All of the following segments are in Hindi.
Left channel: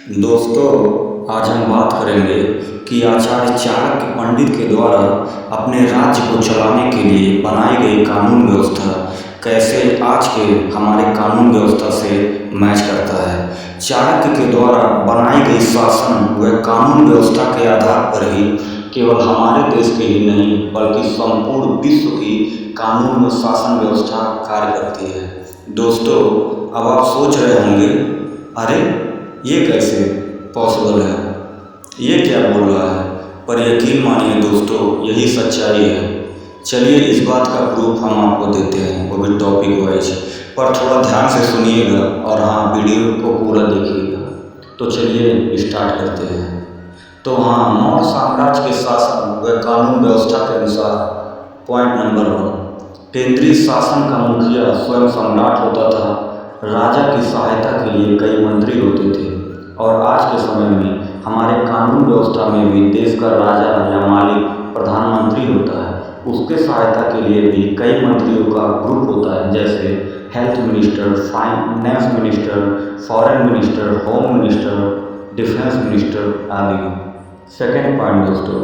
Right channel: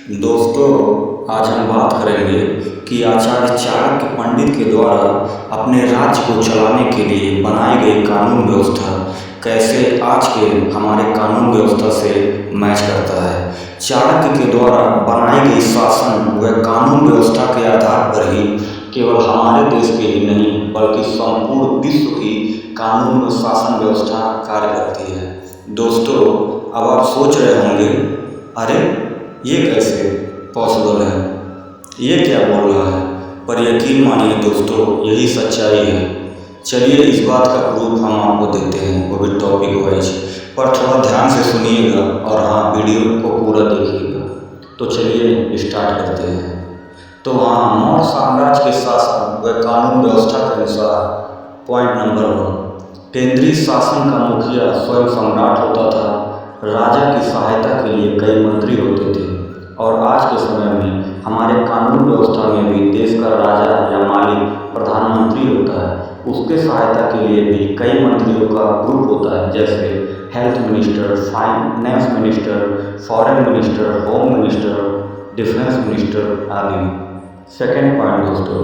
दोस्तों, आज हम बात करेंगे कि आचार्य चाणक्य पंडित के द्वारा अपने राज्य को चलाने के लिए बनाई गई कानून व्यवस्था कैसे आज के हमारे कानून व्यवस्था से मैच करता है। चाणक्य के द्वारा बनाई गई शासन व कानून व्यवस्था के आधार पर ही केवल हमारे देश के ही नहीं बल्कि संपूर्ण विश्व की कानून व शासन व्यवस्था कार्य करती है। दोस्तों, अब आप सोच रहे होंगे, अरे ये कैसे पॉसिबल है, ये क्या बोल रहा है। पर यकीन मानिए दोस्तों, यही सच्चाई है। चलिए इस बात का प्रूफ हम आपको देते हैं, वो भी टॉपिक वाइज। पर थोड़ा ध्यान से सुनिएगा और हाँ, वीडियो को पूरा देखिएगा। तो चलिए स्टार्ट करते हैं। तो हाँ, मौर्य साम्राज्य के शासन व कानून व्यवस्था के अनुसार पॉइंट नंबर 1, केंद्रीय शासन का मुखिया स्वयं सम्राट होता था। राजा की सहायता के लिए कई मंत्री होते थे और आज के समय में हमारे कानून व्यवस्था में भी देश का राजा या मालिक प्रधानमंत्री होता है। उसके सहायता के लिए भी कई मंत्रियों का ग्रुप होता है, जैसे health minister, finance minister, foreign minister, home minister, defence minister आदि। सेकेंड पॉइंट दोस्तों,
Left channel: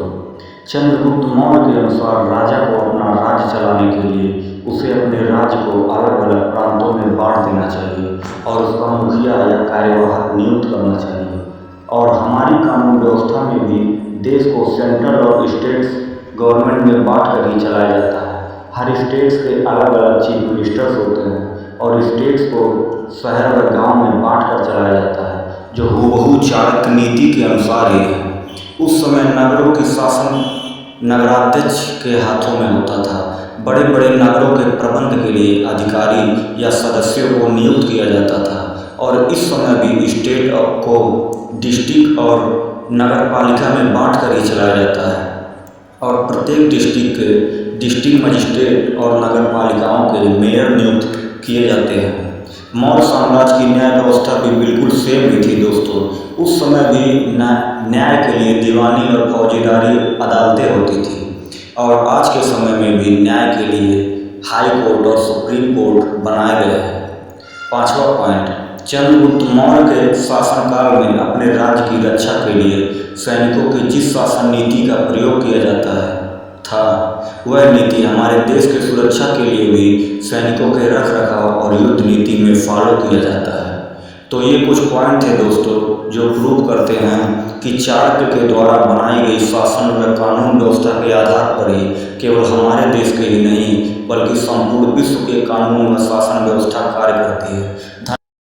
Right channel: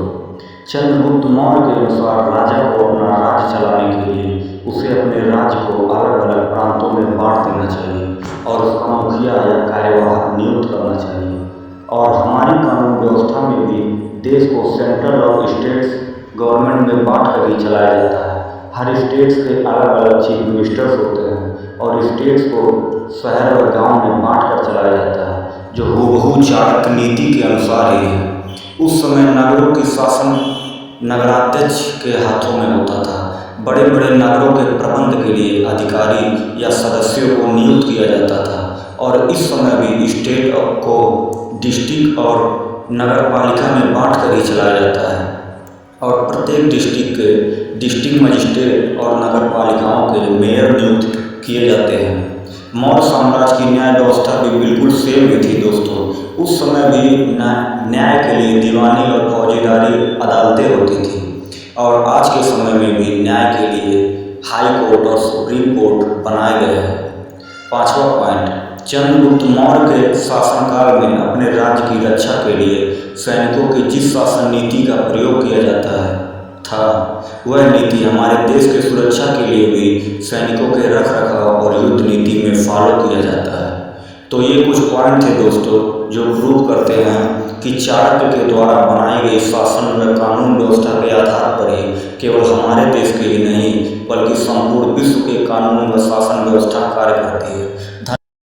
चंद्रगुप्त मौर्य के अनुसार राजा को अपना राज्य चलाने के लिए उसे अपने राज्य को अलग अलग प्रांतों में बांट देना चाहिए और उसका मुखिया या कार्यवाहक नियुक्त करना चाहिए। और हमारी कानून व्यवस्था में भी देश को सेंट्रल और स्टेट्स गवर्नमेंट में बांट कर ही चलाया जाता है। हर स्टेट्स के अलग अलग चीफ मिनिस्टर्स होते हैं और स्टेट्स को शहर व गांव में बांट कर चलाया जाता है, जो हूबहू चाणक्य नीति के अनुसार ही है। उस समय नगरों की शासन नगराध्यक्ष के हाथों में होता था। बड़े बड़े नगरों के प्रबंध के लिए अधिकारी या सदस्यों को नियुक्त किया जाता था और इस समय भी स्टेट को डिस्ट्रिक्ट और नगर पालिका में बांट कर ही चलाया जाता है और प्रत्येक डिस्ट्रिक्ट के डिस्ट्रिक्ट मजिस्ट्रेट और नगर पालिकाओं के मेयर नियुक्त किए जाते हैं। मौर्य साम्राज्य की न्याय व्यवस्था भी बिल्कुल सेम ही थी दोस्तों। उस समय भी न्याय के लिए दीवानी और फौजीदारी अदालतें होती थी और आज के समय में भी न्याय के लिए हाई कोर्ट और सुप्रीम कोर्ट बनाए गए हैं। पांचवा पॉइंट, चंद्रगुप्त मौर्य के शासनकाल में अपने राज्य की रक्षा के लिए सैनिकों की जिस शासन नीति का प्रयोग किया जाता था, वह नीति हमारे देश के सुरक्षा के लिए भी सैनिकों के रख रखाव और युद्ध नीति में फॉलो किया जाता है। तो ये कुछ पॉइंट थे दोस्तों जो प्रूव करते हैं कि चाणक्य के द्वारा बनाई गई शासन व कानून व्यवस्था के आधार पर ही केवल हमारे देश के ही नहीं बल्कि संपूर्ण विश्व के कानून व शासन व्यवस्था कार्य करती है।